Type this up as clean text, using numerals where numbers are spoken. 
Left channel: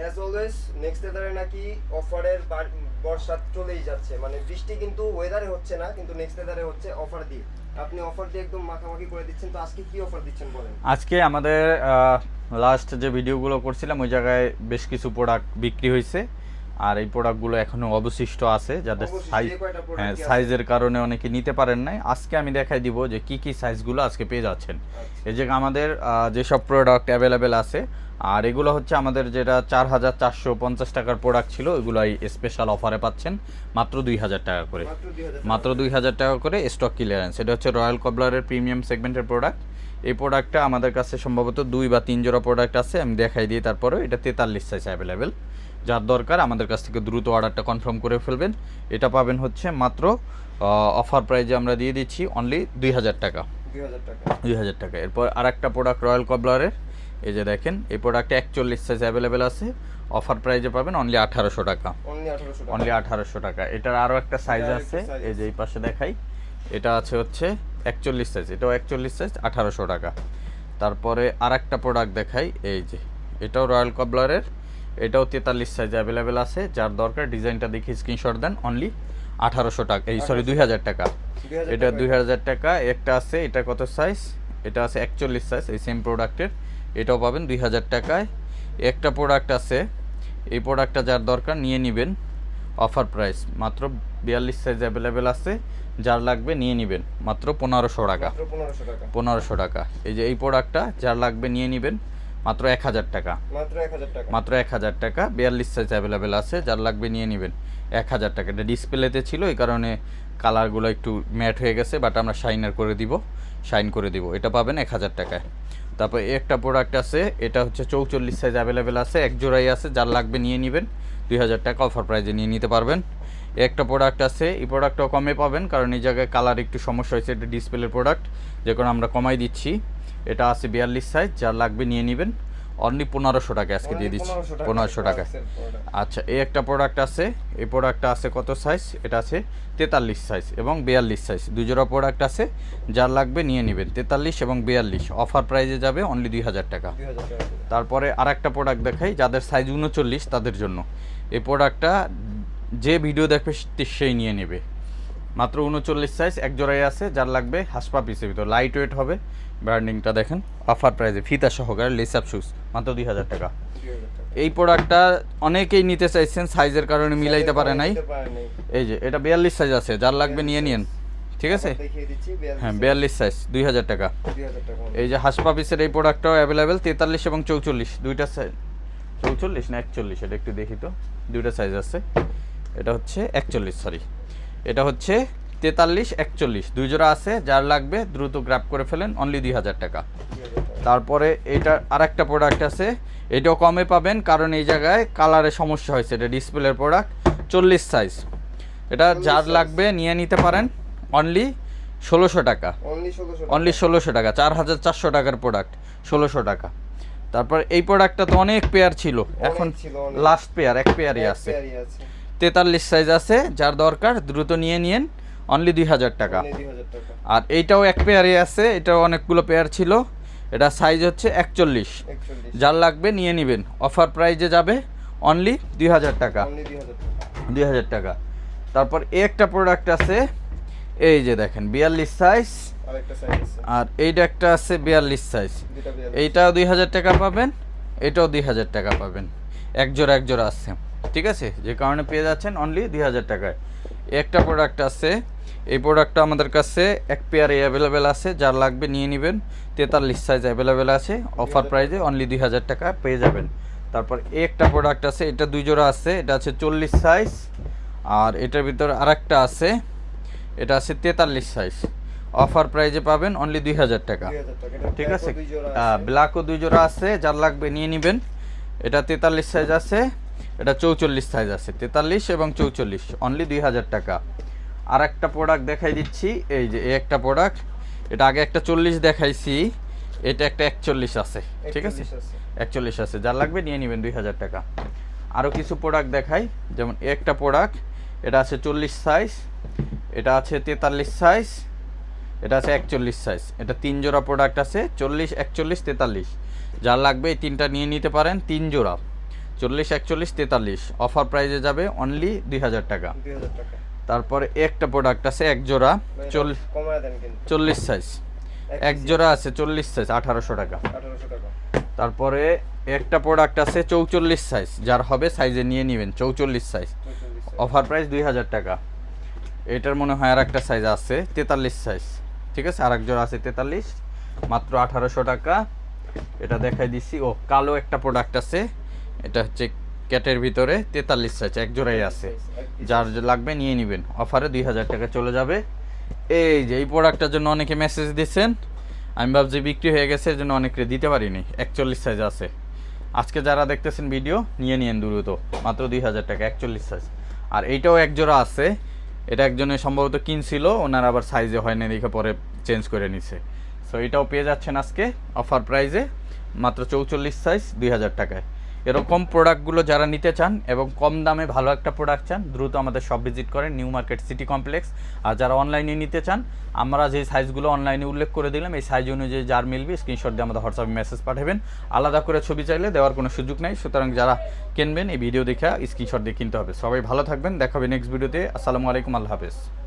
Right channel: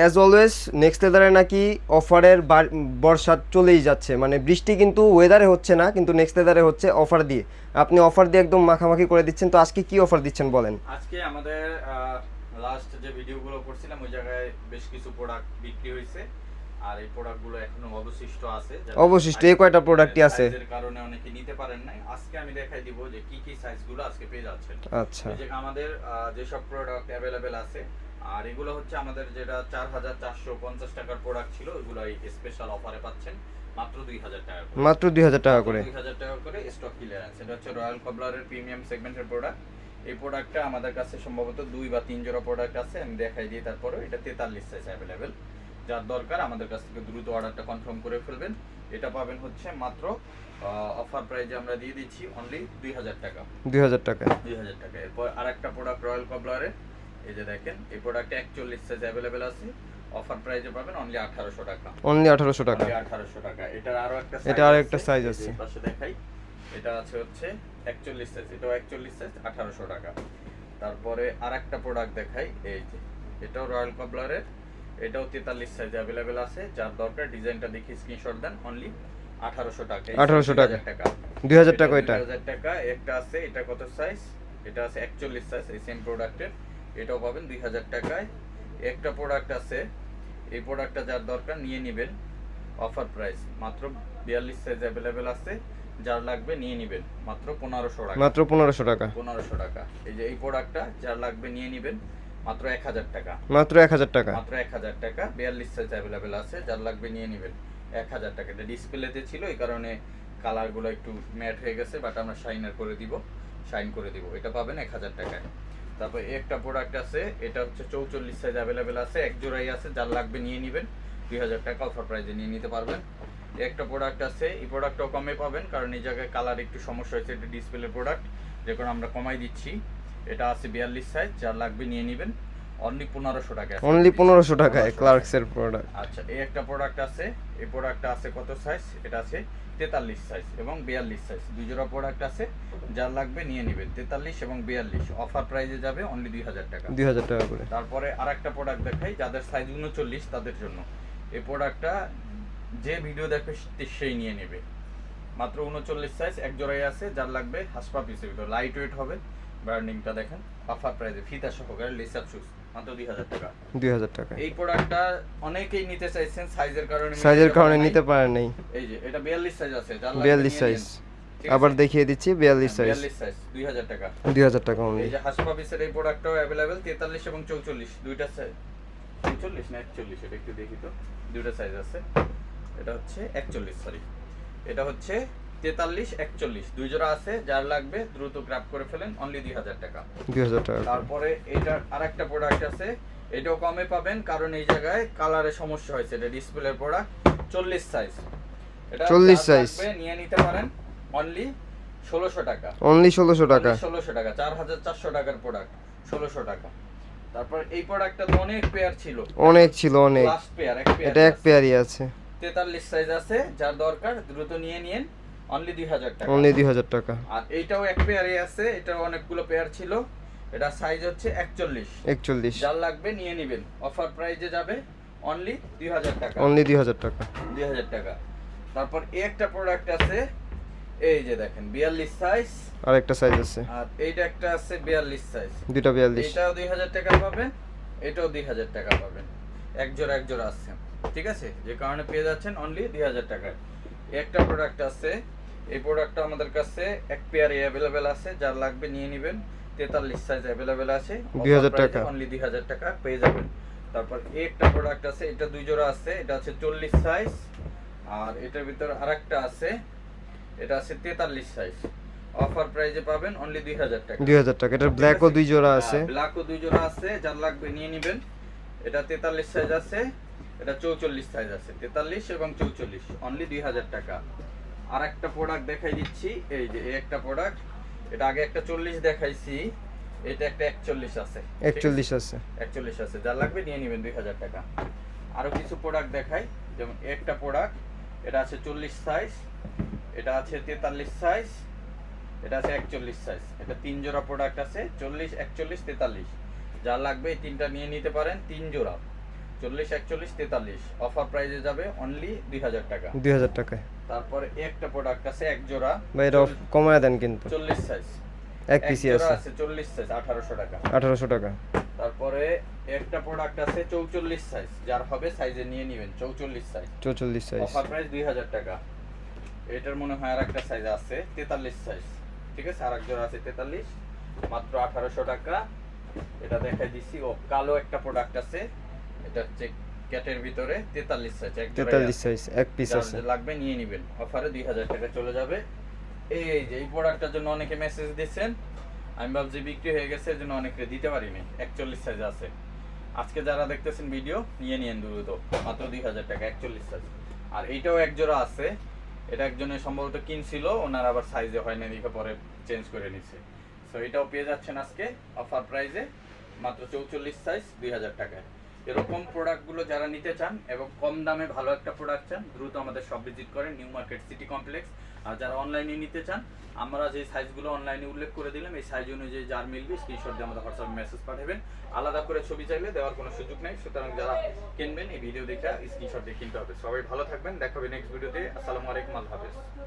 As always next লেদারে নাকি অফারের বর্ষা চলেই যাচ্ছে, মানে বৃষ্টি কিন্তু ওয়েদারে হচ্ছে না, কিন্তু নেক্সট লেদারে হচ্ছে অফার দিয়ে। আপনি অফার দিয়ে একদম মাখামাখি করে দিচ্ছেন, তো আজকে কি অফার দিচ্ছেন বলেন। আজকে আমাদের লাস্ট যে ভিডিওগুলো করছিলাম ওই জায়গায় বেশ কিছু প্রোডাক্ট বিক্রি হয়েছে, আর এই প্রোডাক্টগুলো এখনো অবশিষ্ট আছে। অবশিষ্ট এই কয়টা প্রোডাক্টই আছে, সাইজের কারণে অনেকে নিতে পারেন নাই। আজকে আমি দেখাই দিব যে কি কি সাইজগুলো আজকে পেয়ে যাচ্ছেন। আচ্ছা এই যে আমাদের যেসব প্রোডাক্ট অ্যাভেলেবেল আছে, আর এগুলো হচ্ছে আমাদের যেটা 4450 টাকার প্রোডাক্ট ছিল, ওইগুলাই স্পেশাল অফারে পাচ্ছেন মাত্র 2000 টাকা করে। মাত্র 2000 টাকা, মাত্র 2000 টাকা করে স্টক ক্লিয়ারেন্স। এটা হচ্ছে রয়্যাল কবলারের প্রিমিয়াম সেগমেন্টের প্রোডাক্ট। এই প্রোডাক্টটা আমাদের কাছে সম্ভবত 2 বা 3 জোড়া প্রোডাক্ট আছে, আমি দেখাই দিই। তারপরে এটা 43 সাইজ অ্যাভেলেবেল, যার দরকার আমাদের কাছ থেকে দ্রুত অর্ডারটা কনফার্ম করে ফেলবেন। এটা পাবেন হচ্ছে মাত্র অফার প্রাইজে আমরা দিয়ে দিচ্ছি অনলি 2000 টাকা। 2000 টাকা, 2000 টাকা। এরপর আরেকটা প্রোডাক্ট রয়্যাল কবলারের, এই যে দেখেন এই প্রোডাক্টে 41 সাইজ অ্যাভেলেবেল আছে, অফার প্রাইজে পাবেন অনলি 1800 টাকা। অনলি 1800 টাকা, অনলি 1800 টাকা। এটার আরো একটা সাইজ আছে, আরেকটা সাইজ আছে, এই পাশে দেখাই। এটা আছে হচ্ছে 41 সাইজ, এটাও 41 সাইজ, 1800 টাকা। তারপরে আরেকটা প্রোডাক্ট দেখাই, এই যে এটাও রয়্যাল কবলারের, এটাও 43 সাইজ অ্যাভেলেবেল আছে, যার দরকার ডিজাইনটা দেখে স্ক্রিনশট দেন, অনলি 1800 টাকা, এই 2000 টাকা। 2000 টাকা, 2000 টাকা। একটা আছে, এটা কত সাইজ, এটা আছে 41 সাইজ, এই সেম প্রোডাক্টের, এটাও পাবেন 2000 টাকায়। একটা প্রোডাক্ট আছে, এই প্রোডাক্টটা যার দরকার নিয়ে নেবেন, অফার প্রাইস মাত্র 42 সাইজ অ্যাভেলেবেল আছে, যার লাগবে নিয়ে নেবেন মাত্র 1500 টাকা। মাত্র 1500 টাকা, 1500 টাকা। এই যে এই প্রোডাক্টটা যার লাগবে নিয়ে নেবেন মাত্র 1000 টাকা। মাত্র 1000 টাকা, মাত্র 1000 টাকা। 42 সাইজ অ্যাভেলেবেল আছে, যার লাগবে নিয়ে নেবেন 1000 টাকা। এটা ডিসপ্লেতে ছিল, এই কারণে কালারগুলো একটু ম্যাট হয়ে গেছে, বাট আমরা শাইন করে দিব। এটা পাবেন 1000 টাকায়। তারপর একটা প্রোডাক্ট আছে, এটা হচ্ছে 44 সাইজ অ্যাভেলেবেল আছে, এক জোড়াই আছে, যার লাগবে নিয়ে নেবেন 2000 টাকা অফার প্রাইজে নিয়ে নিতে পারবেন। একটা প্রোডাক্ট আছে, এই প্রোডাক্টটাও কমে পাবেন, কারণ এই জায়গায় কালার একটু সমস্যা হয়েছে, এটা ডিসপ্লের প্রোডাক্ট, যে কারণে আমরা কমাই দিচ্ছি। এটা আছে 42 সাইজ, যার লাগবে নিয়ে নেবেন অনলি 1500 টাকা। অনলি 1500 টাকা ক্লার্কসের প্রোডাক্ট। আচ্ছা, এই একটা প্রোডাক্ট আছে, এই প্রোডাক্টটা আছে কত সাইজ, এটা আছে 43 সাইজ এবং 42 সাইজ, দুই জোড়া প্রোডাক্ট আছে, যার লাগবে নিয়ে নেবেন 43 এবং 42, অফার প্রাইজে যাবে অনলি 2000 টাকা। 2000 টাকা করে। তারপরে আরেকটা প্রোডাক্ট দেখাই, যাদের সাইজ 39 তাদের জন্য এই প্রোডাক্টটা, যে ভিডিও দেখবে সেই নিয়ে নেবে। মাত্র 39 সাইজ, এক জোড়াই আছে, যার লাগবে হাসপা পিসের ভিতর, লাইট ওয়েট হবে। ব্র্যান্ডিংটা দেখেন, অফার প্রাইসে ফিতা সহকারে লেসআপ শুজ, মাত্র 2000 টাকা। 2000 টাকা। এই প্রোডাক্টটা অনেকেই নিতে চাইছেন, সাইজের কারণে নিতে পারে নাই। এই যে এটা 42 সাইজ আছে, যার লাগবে নিয়ে নিন, ঠিক আছে। আবার দেখিয়ে দিচ্ছি 42 সাইজ 2000 টাকা। 2000 টাকা। এই যে হাসপা পিসের এই প্রোডাক্টটাও অ্যাভেলেবেল 43 এবং 44, দুইটা সাইজ। 44 না 41, এটা একটু দেখি তো, দুইটা সাইজ আছে। এটা হচ্ছে 41, সরি, এটা হচ্ছে 43 41, দুই জোড়া আছে, যার লাগবে দ্রুত গ্র্যাব করে ফেলেন, অনলি 2000 টাকা। 2000 টাকা। তারপরে এটা আরেকটা প্রোডাক্ট আছে, এটাও কমে পাবেন, কারণ এই জায়গায় কালারে সমস্যা হয়েছে, এটা ডিসপ্লের প্রোডাক্ট, 40 সাইজ, এটা যার লাগবে নিয়ে নিতে পারেন অনলি 1600 টাকা। অনলি 1600 টাকা, অনলি 1600 টাকা। 4400 টাকার প্রোডাক্ট 1600 টাকা। তারপর এই প্রোডাক্টটা তো অনেক পেয়ার ছিল, অনেক লাস্ট পেয়ার এক পেয়ারই আছে, 43 সাইজ আছে, যার দরকার দ্রুত নিয়ে নিন, অনলি 2000 টাকা। অনলি 2000 টাকা। আর এইটাও এক পেয়ারই আছে, এটাও অনেকগুলো পেয়ার ছিল, এটা সাইজ হচ্ছে 41, যার লাগবে নিয়ে নেবেন, অফার প্রাইজে যাবে অনলি 2000 টাকা। অনলি 2000 টাকা, 2000 টাকা। তারপর এই একটা প্রোডাক্ট আছে, এই যে দেখেন 42 সাইজ, আর একটা সাইজ আছে, আর এইটা একটা আছে 42 সাইজ, দুটো 42, এইটাও 2000 টাকা পাবেন, এটাও 2000 টাকা পাবেন, এক জোড়া আছে, ঠিক আছে, যে কারণে পেয়ে যাচ্ছেন অনলি 2000 টাকায়। একটা প্রোডাক্ট আছে, এই প্রোডাক্টটা আমাদের কাছে এক পেয়ারে অ্যাভেলেবেল আছে, যার লাগবে নিয়ে নেবেন, 43 সাইজ অ্যাভেলেবেল আছে, অফার প্রাইসে অনলি 2000 টাকা পেয়ে যাবেন। তারপর একটা প্রোডাক্ট আছে, এটা দুই জোড়া আছে, এটা আছে 40 সাইজ, আর এটার ভিতর আরেকটা আছে, এটা আছে 43 সাইজ, অফার প্রাইজে পাবেন অনলি 2000 টাকা। 2000 টাকা। এটা ব্ল্যাকও দুই জোড়া আছে, ব্ল্যাকও দুই জোড়া আছে, যার লাগবে নিয়ে নেবেন। এটা 43 সাইজ আছে, এটা 44 সাইজ আছে, 43 এবং 44, অনলি 2000 টাকা। আর একটা প্রোডাক্ট দেখাই দিচ্ছি, এই যে এই একটা প্রোডাক্ট, এটা আগে একটা 40 দেখাইছি, এটা একটা 41 আছে, 41 আছে, যার লাগবে নিয়ে নেবেন 2000 টাকা। আরও কিছু প্রোডাক্ট দেখাই, যেমন একটা প্রোডাক্ট, এটা আছে 40 সাইজ, এটা আছে 43 সাইজ, এটা আছে 41 সাইজ, এটা তিন জোড়া প্রোডাক্ট আছে, 40 41 43, যার লাগবে এই তিনটা নিয়ে নিতে পারেন, তিন জোড়া। 40, 41, 43 অফার প্রাইসে যাবে অনলি 2000 টাকা। 2000 টাকায়। তারপরে একটা প্রোডাক্ট আছে এক জোড়া ভাই এটা কমায় দেন কিন্তু। 40 সাইজ এক এক পিসি জোড়া আছে আছে 40 সাইজ 1800 টাকা। 1800 টাকা। তারপরে একটা প্রোডাক্ট আছে 44 সাইজ, যার হবে সাইজে নিয়ে নেবেন 44 সাইজ 44 সাইজ। অফার প্রাইস 2000 টাকা। এটার মনে হয় আর একটা সাইজ আছে 43 সাইজ, ঠিক আছে, আর এক জোড়া আছে 43 মাত্র 1800 টাকা। এটা দেখাই দিছি। ও কালো একটা প্রোডাক্ট আছে, এটা হচ্ছে ক্যাটের ভিতরে 43 সাইজ এক জোড়াই 43 আছে, সাইজ এক পিস যার আছে। লাগবে নিয়ে নেবেন, অফারে 2000 টাকা চলে যাবে। এই যে এই প্রোডাক্টটার জন্য অনেকে মেসেজ দিয়েছেন, আমি ভাবছি বিক্রি হয়ে গেছে, এর জন্য অনেকে দিতে পারিনি। 41 সাইজ আছে, আজকে যারা দেখতেছেন ভিডিও নিয়ে নিন দ্রুত, মাত্র 2000 টাকা 41 সাইজ। আর এইটাও এক জোড়া আছে, এটা একজনে সম্ভবত কিনছিল, ওনার আবার সাইজে হয় না দেখে পরে চেঞ্জ করে নিছে। সো এটাও পেয়ে যাচ্ছেন আজকে অফার প্রাইজে মাত্র 44 সাইজ 2000 টাকায়। এরকম প্রোডাক্টগুলো যারা নিতে চান এবং কম দামে ভালো একটা প্রোডাক্ট চান, দ্রুত আমাদের শপ ভিজিট করেন, নিউ মার্কেট সিটি কমপ্লেক্স। আর যারা অনলাইনে নিতে চান, আমরা যে সাইজগুলো অনলাইনে উল্লেখ করে দিলাম, এই সাইজ অনুযায়ী যার মিলবে স্ক্রিনশট দিয়ে আমাদের হোয়াটসঅ্যাপে মেসেজ পাঠাবেন। আলাদা করে ছবি চাইলে দেওয়ার কোনো সুযোগ নাই, সুতরাং যারা কিনবেন এই ভিডিও দেখে স্ক্রিনশট দিয়ে কিনতে হবে। সবাই ভালো থাকবেন, দেখাবে নেক্সট ভিডিওতে। আসসালামু আলাইকুম, আল্লাহ হাফেজ।